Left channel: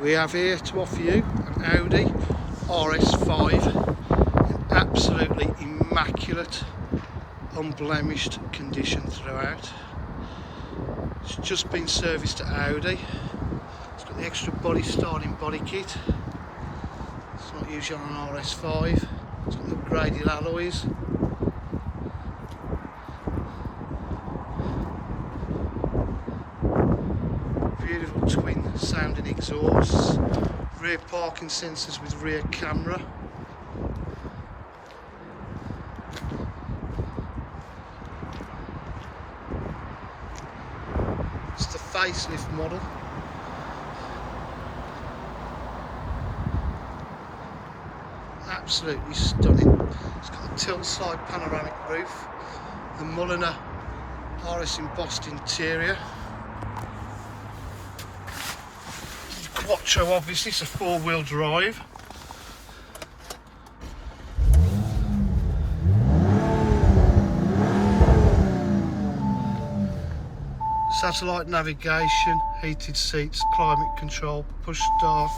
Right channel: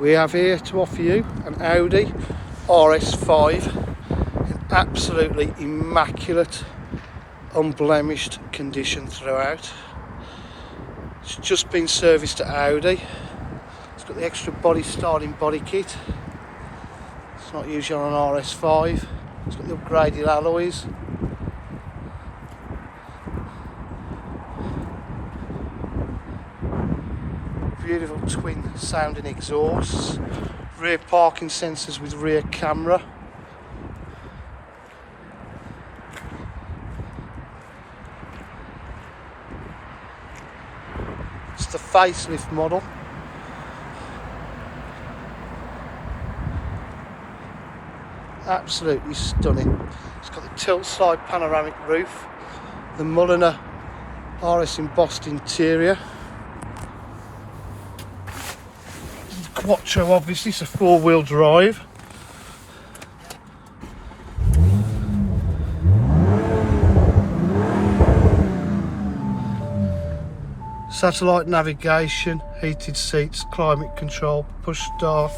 We have here to offer you an Audi RS5 in absolutely immaculate, unblemished condition throughout. It's just been serviced to Audi. It's got the extra body styling body kit. It's not usually on an RS5. It's got the upgraded alloys. Beautiful twin sounding exhausts, rear parking sensors with rear camera. It's the facelift model. Absolutely stunning. It's got the tilt side panoramic roof, the Mulliner RS embossed interior. Quattro, obviously, it's a four-wheel drive. Satellite navigation, heated seats, climate control, push start.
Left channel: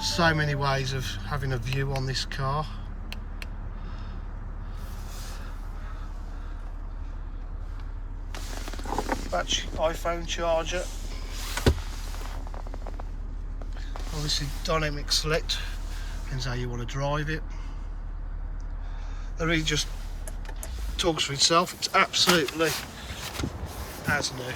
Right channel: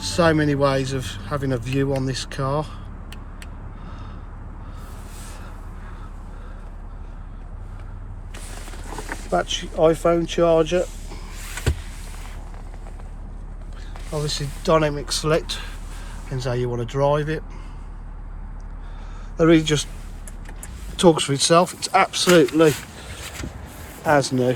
So many ways of having a view on this car. Battery iPhone charger, obviously dynamic select, depends how you want to drive it. That really just talks for itself. It's absolutely as new.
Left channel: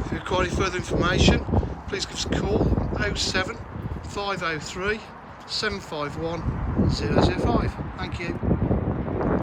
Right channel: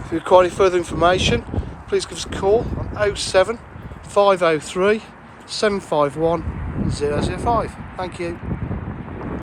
If you require any further information, please give us a call on 07 503 751 005. Thank you.